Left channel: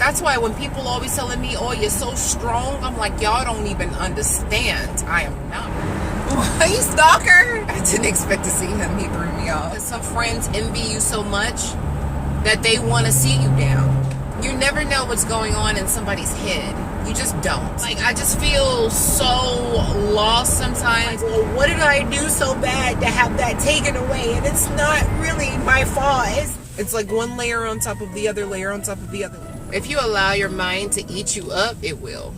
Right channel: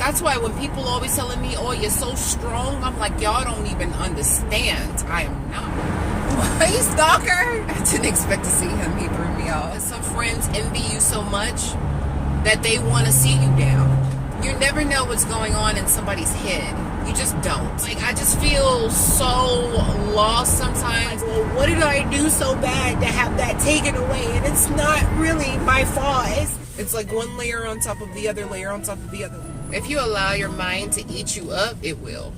That's why when people always telling me, oh, you're so strong, I'm like, y'all don't even understand. I am not. Hey, stalker. I didn't expect to see him. He threw me off. Some friends envy you so much that they want to see you down. You never know what's going on in somebody's head. You just don't. Like, I just feel so lost sometimes. Well, what did I do so bad to have that taken away? And it's not really my fault. It's like one layer on top of the other layer on top of the other. If you allow your mind to eat you up, it will.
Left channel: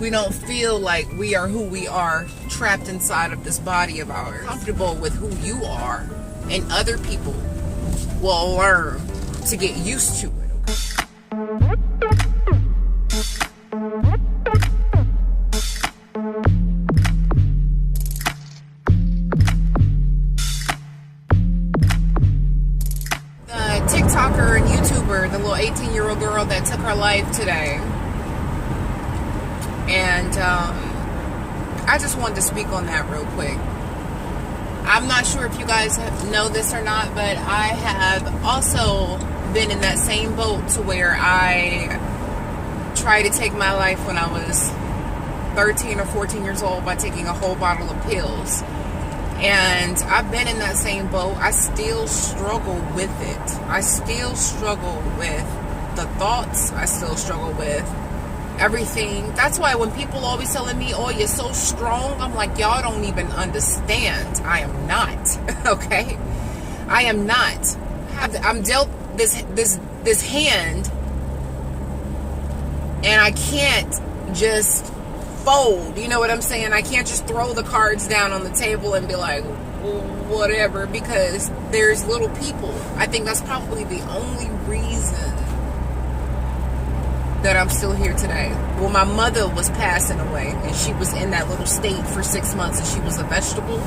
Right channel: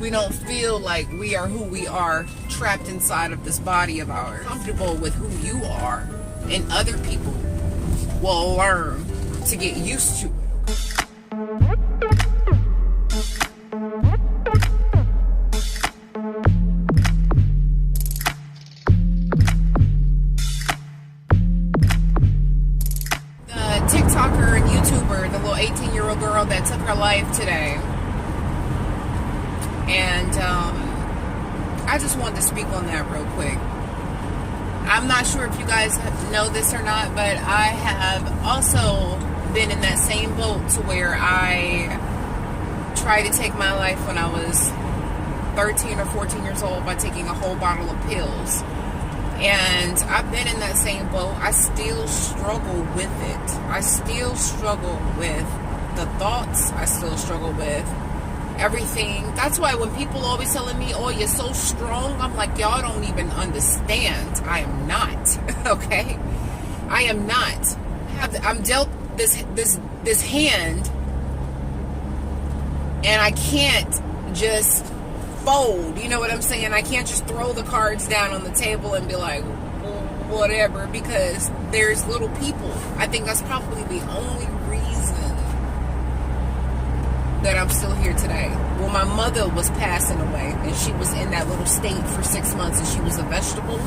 We don't feel like we are who we are, trapped inside of this body of ours. Comfortable with who you are, and other people will learn to get used to it. TikToker and YouTuber, the little 18-year-old girl that took her life today. And I just wanted to speak on that real quick. I'm not sure if you guys know this or not, but I have also been in that same boat to where I tried to take my life when I was 13 or 14 years old by taking a whole bottle of pills. And I've been in that same boat. I still struggle with it. I still struggle with the thoughts. I still struggle with everything. That's why when people always telling me, oh, you're so strong, I'm like, y'all don't even understand. I am not. Okay? I am not. I'm dealt this hand, and I can't just fold. You know what I'm saying? I can't just throw the cards down on the table and be like, well, whatever, because there's little people. I think that's probably the only reason that I'm still here today. Well, my mother was passing away, and she was in that little state for 6 months, and she was a vegetable.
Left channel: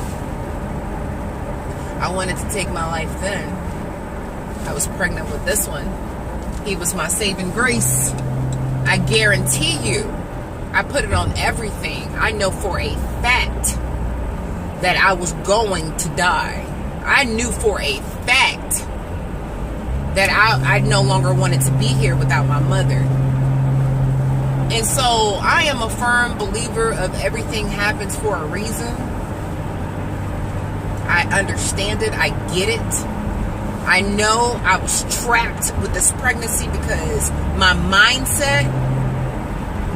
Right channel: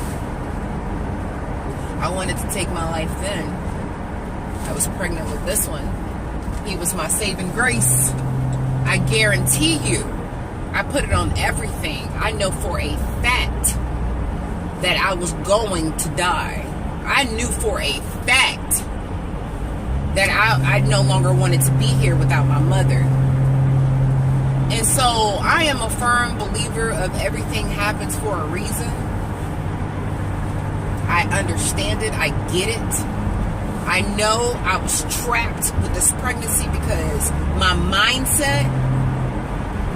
I wanted to take my life then. I was pregnant with this one. He was my saving grace. I guarantee you, I put it on everything. I know for a fact that I was going to die. I knew for a fact that I no longer wanted to be here without my mother. And so I am a firm believer of everything happens for a reason. I understand it. I get it. I know I was trapped with this pregnancy because my mindset,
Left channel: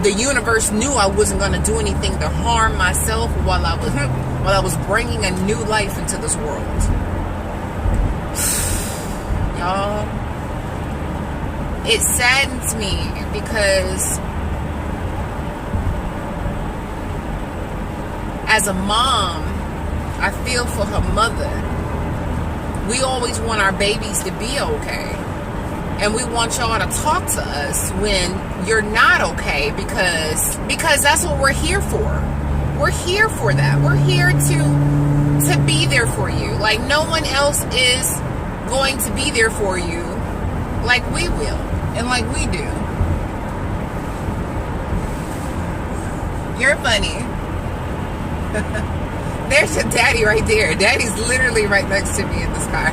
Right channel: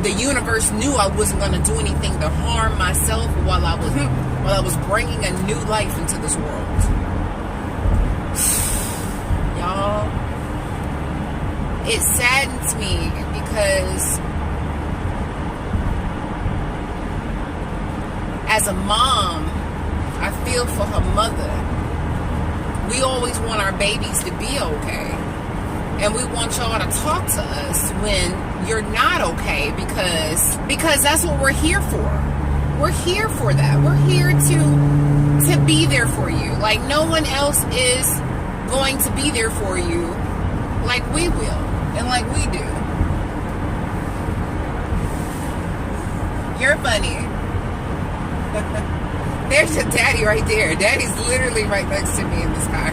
the universe knew I wasn't going to do anything to harm myself while I was bringing a new life into this world. Y'all, it saddens me because as a mom, I feel for her mother. We always want our babies to be okay. And we want y'all to talk to us when you're not okay, because that's what we're here for. We're here for that. We're here to be there for you. Like, no one else is going to be there for you like we will and like we do. You're funny. There's your daddy right there. Daddy's literally right next to me in this car.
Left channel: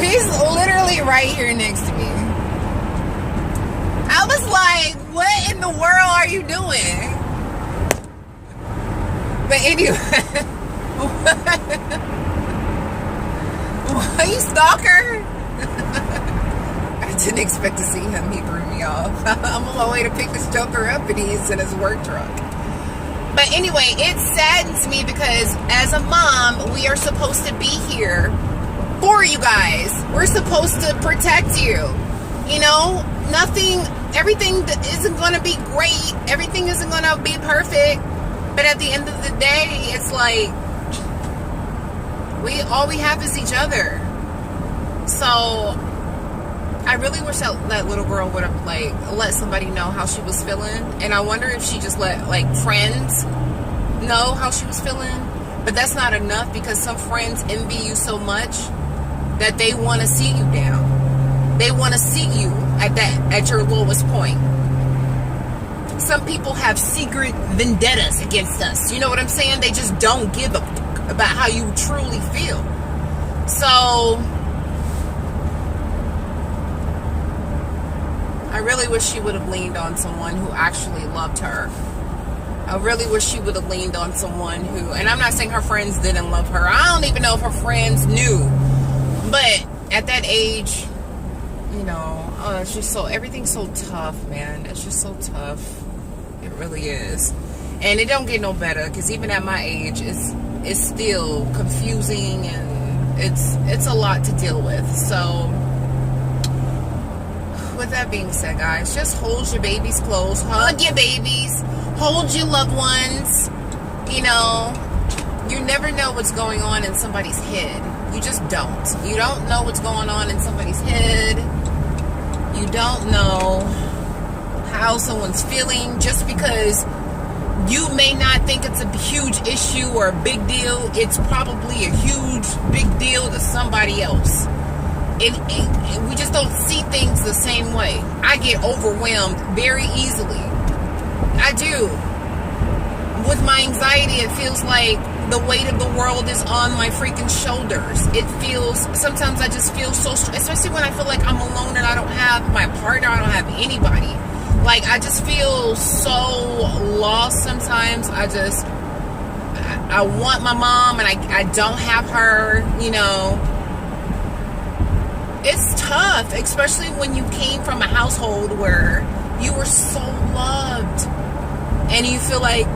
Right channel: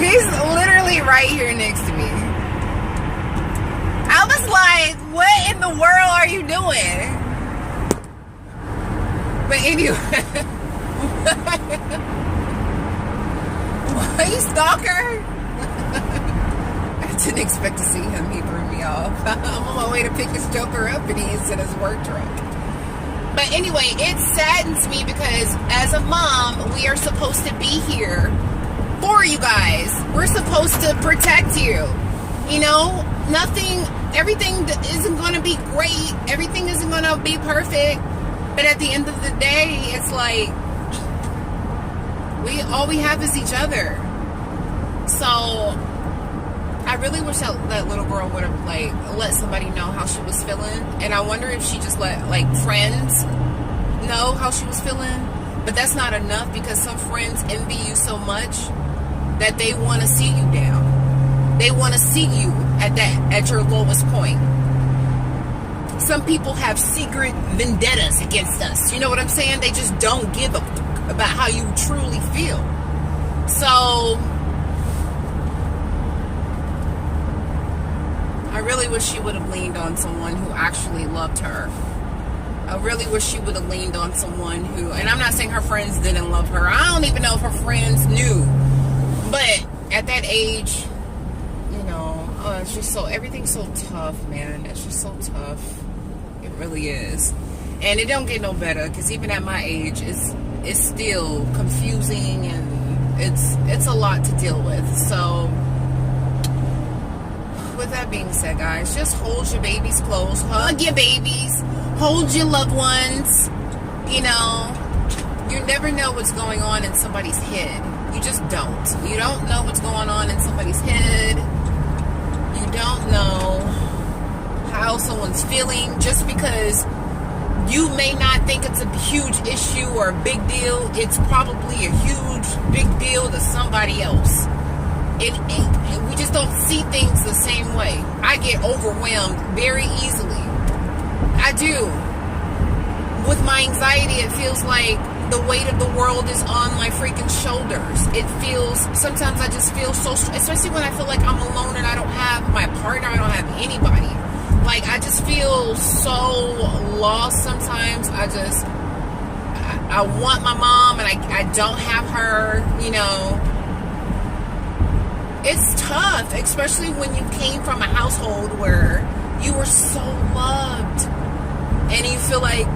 He's literally right here next to me. I was like, what in the world are you doing? But anyway. What, you stalker? I didn't expect to see him. He threw me off. I'm on my way to pick this joker up, and he's in his work truck. But anyway, it saddens me because as a mom, we are supposed to be here for you guys. We're supposed to protect you. You know, everything isn't going to be great. Everything isn't going to be perfect. But at the end of the day, it's like, all we have is each other. So I really wish that little girl would have let somebody know how she was feeling, and I wonder if she just let friends know how she was feeling. But that's not enough, because some friends envy you so much that they want to see you down. They want to see you at your lowest point. Some people have secret vendettas against us. You know what I'm saying? They just don't give a fuck about how you truly feel. So really wish she would have leaned on someone who actually loved her. I really wish she would have leaned on someone who, and I'm not saying her friends didn't love her. I don't even know if her friends knew. But at that age, you know, it's just so, everything's so tough, man. It's just so tough. It really is. And it don't get no better, because even at my age, it's still confusing, and it's a lot to deal with. So, with that being said, guys, just hold your babies close. Hug your babies. Hold your loved ones. You know, you never know what's going on in somebody's head. You just don't. You don't know what's going on in somebody's head. You don't know how someone's feeling. Just because you may not think it's a huge issue or a big deal, it's probably a huge, big deal to somebody else. And we just don't see things the same way. I get overwhelmed very easily. I do. With my anxiety, it feels like the weight of the world is on my freaking shoulders. It feels, sometimes I just feel so, especially when I feel like I'm alone and I don't have my partner, I don't have anybody. Like, I just feel so lost sometimes. I want my mom and I don't have her, you know. It's tough, especially when you came from a household where you were so loved. And you feel like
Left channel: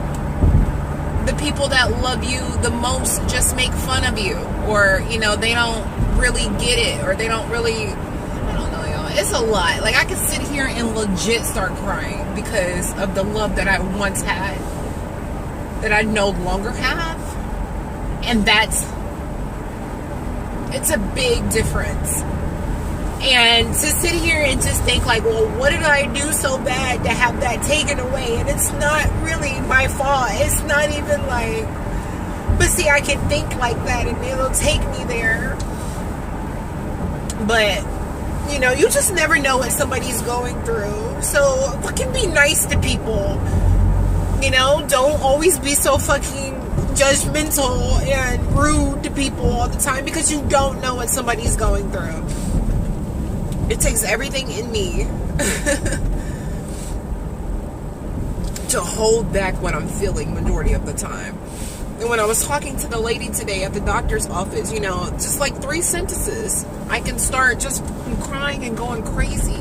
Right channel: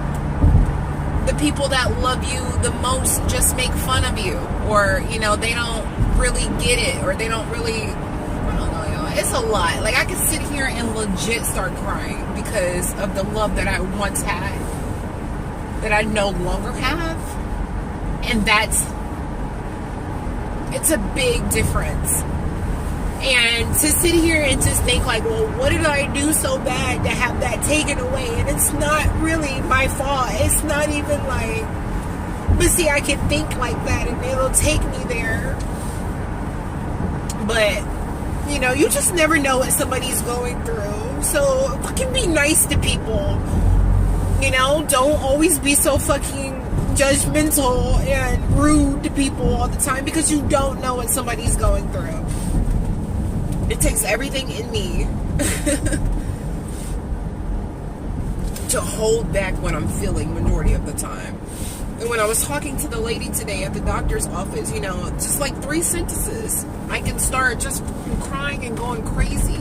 the people that love you the most just make fun of you. Or, you know, they don't really get it. Or they don't really, I don't know, y'all. It's a lot. Like, I could sit here and legit start crying because of the love that I once had that I no longer have. And it's a big difference. And to sit here and just think like, well, what did I do so bad to have that taken away? And it's not really my fault. It's not even like, but see, I can think like that and it'll take me there. But, you know, you just never know what somebody's going through. So fucking be nice to people. You know, don't always be so fucking judgmental and rude to people all the time, because you don't know what somebody's going through. It takes everything in me to hold back what I'm feeling majority of the time. And when I was talking to the lady today at the doctor's office, you know, just like 3 sentences, I can start just crying and going crazy.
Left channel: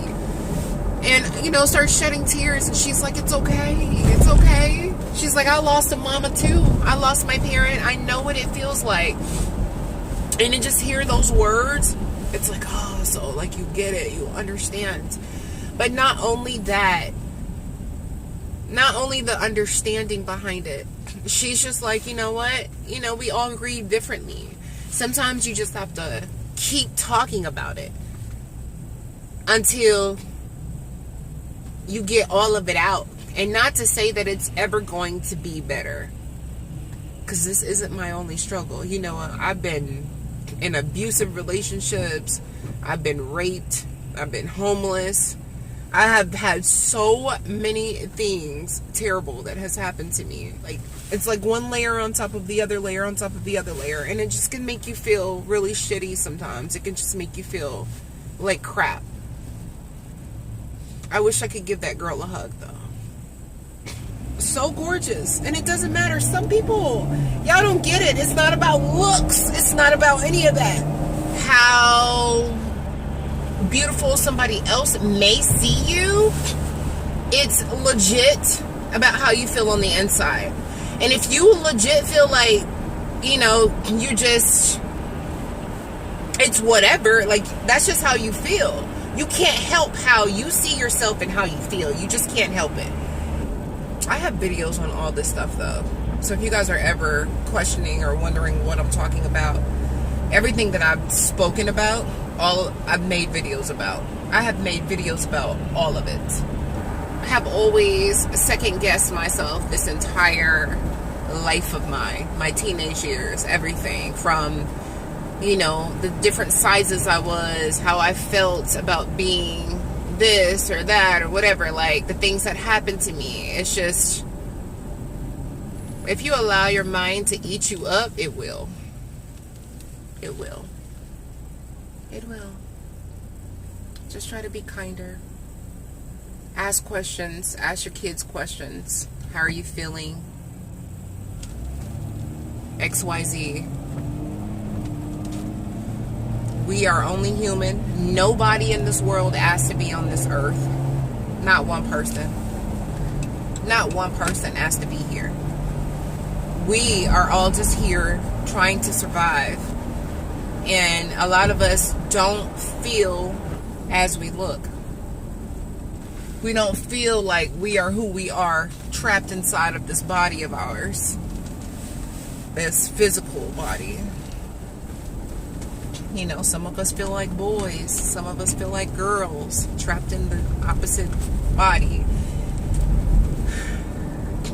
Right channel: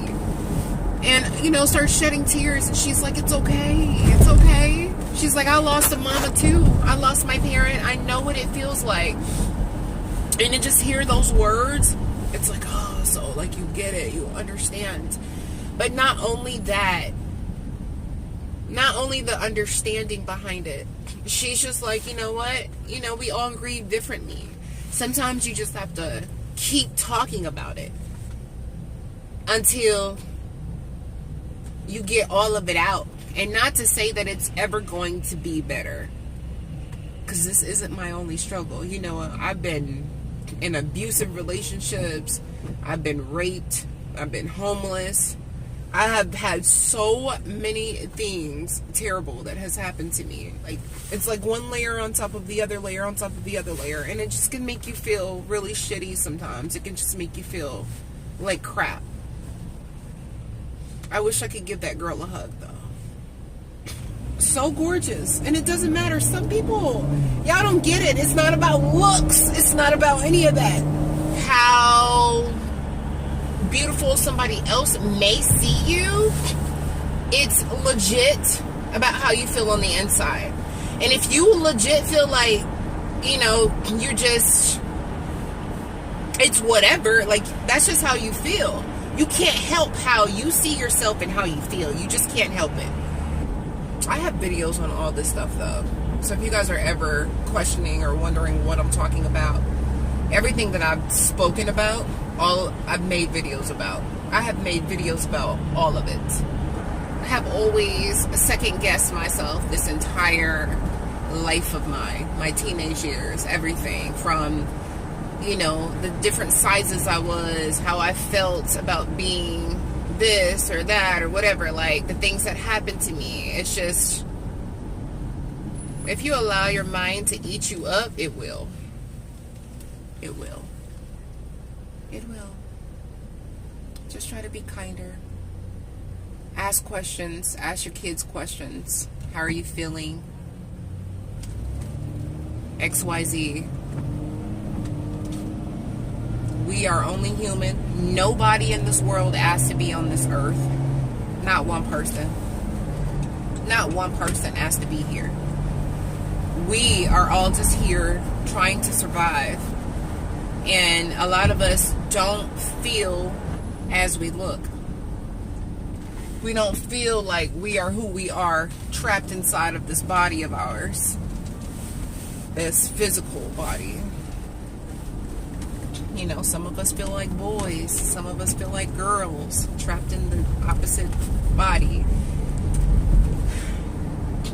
And, you know, start shedding tears. And she's like, it's okay. It's okay. She's like, I lost a mama too. I lost my parent. I know what it feels like. And to just hear those words, it's like, oh, so like you get it, you understand. But not only that, not only the understanding behind it, she's just like, you know what? You know, we all grieve differently. Sometimes you just have to keep talking about it until you get all of it out. And not to say that it's ever going to be better, because this isn't my only struggle. You know, I've been in abusive relationships, I've been raped, I've been homeless, I have had so many things terrible that has happened to me. Like, it's like one layer on top of the other layer on top of the other layer, and it just can make you feel really shitty sometimes. It can just make you feel like crap. I wish I could give that girl a hug, though. So gorgeous. And it doesn't matter. Some people, y'all don't get it. It's not about looks. It's not about any of that. How beautiful somebody else may see you, it's legit about how you feel on the inside. And if you legit feel like, you know, you just, it's whatever, like, that's just how you feel. You can't help how you see yourself and how you feel. You just can't help it. I have videos on all this stuff, though. So if you guys are ever questioning or wondering what I'm talking about, everything that I've spoken about, I've made videos about. I have made videos about all of it. I have always second-guessed myself this entire life of mine, my teenage years, everything from, you know, the different sizes I was, how I felt about being this or that or whatever, like the things that happened to me. It's just, if you allow your mind to eat you up, it will. It will. It will. Just try to be kinder. Ask questions. Ask your kids questions. How are you feeling? XYZ. We are only human. Nobody in this world asked to be on this earth. Not one person. Not one person asked to be here. We are all just here trying to survive. And a lot of us don't feel as we look. We don't feel like we are who we are, trapped inside of this body of ours. This physical body. You know, some of us feel like boys. Some of us feel like girls, trapped in the opposite body.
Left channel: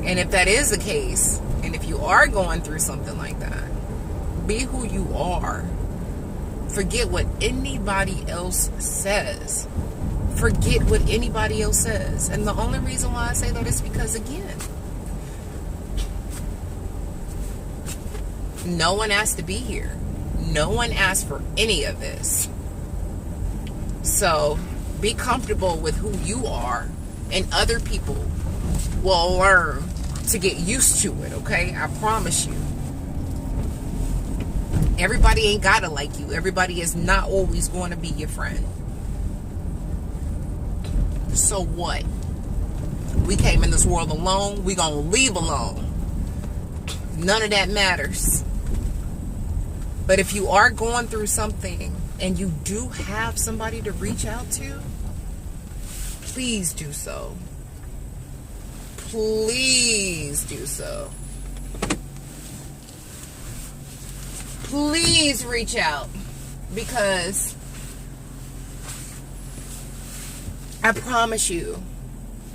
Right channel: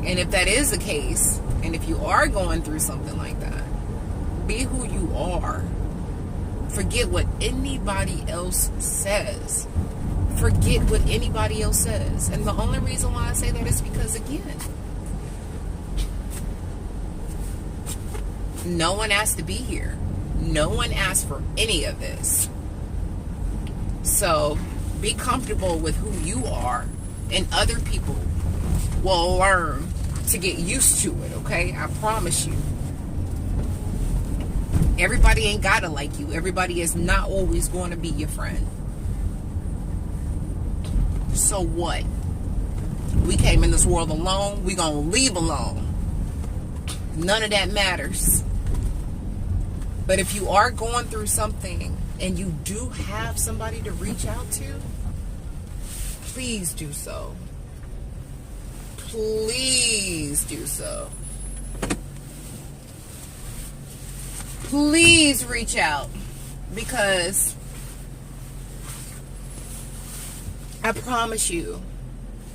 And if that is the case, and if you are going through something like that, be who you are. Forget what anybody else says. Forget what anybody else says. And the only reason why I say that is because, again, no one asked to be here. No one asked for any of this. So be comfortable with who you are, and other people will learn to get used to it, okay? I promise you. Everybody ain't gotta like you. Everybody is not always going to be your friend. So what? We came in this world alone. We gonna leave alone. None of that matters. But if you are going through something and you do have somebody to reach out to, please do so. Please do so. Please reach out, because I promise you,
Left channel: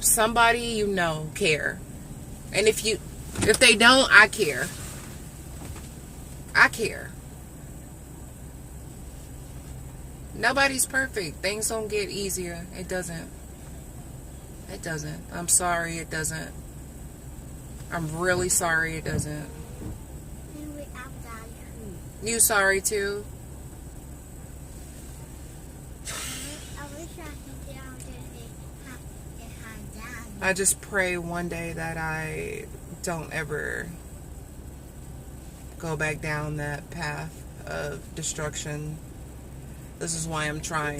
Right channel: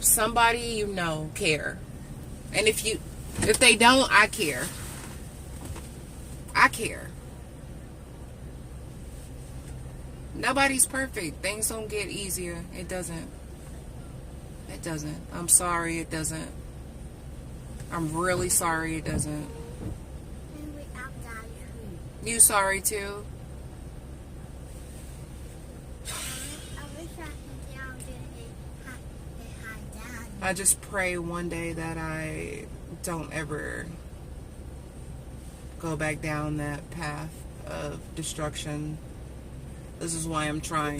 somebody you know care. And if they don't, I care. I care. Nobody's perfect. Things don't get easier. It doesn't. It doesn't. I'm sorry, it doesn't. I'm really sorry it doesn't. You sorry too? I just pray one day that I don't ever go back down that path of destruction. This is why I'm trying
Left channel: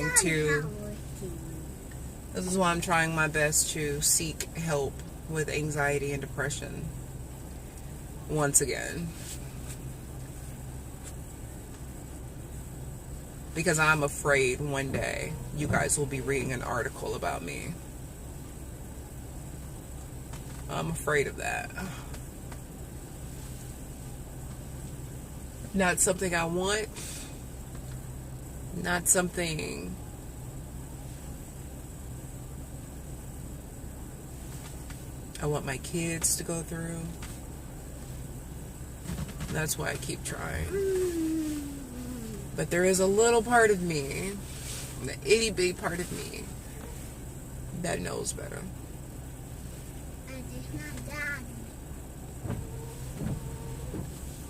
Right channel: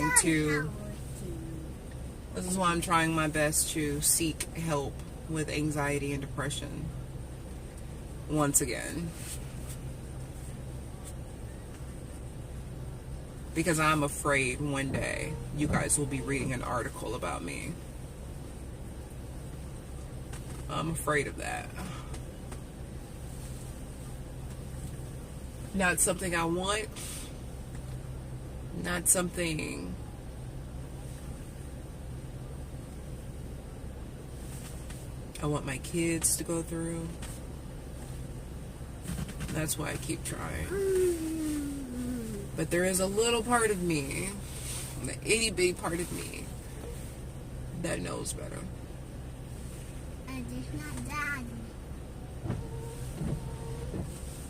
my best to seek help with anxiety and depression once again. Because I'm afraid one day you guys will be reading an article about me. I'm afraid of that. Not something I want. Not something I want my kids to go through. That's why I keep trying. But there is a little part of me, the itty bitty part of me, that knows better.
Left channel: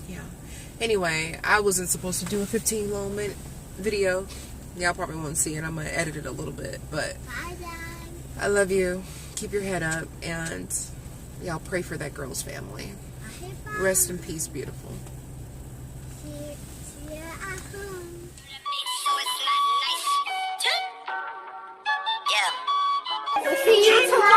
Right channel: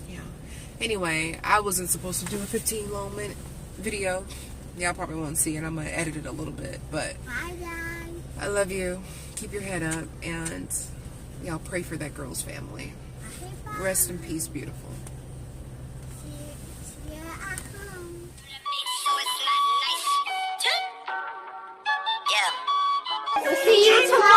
Yeah. Anyway, I wasn't supposed to do a 15-moment video. Y'all probably won't see it. I'm going to edit it a little bit. But bye, Dad. I love you. Keep your head up. And y'all pray for that girl's family. Okay, rest in peace, beautiful. See you tomorrow.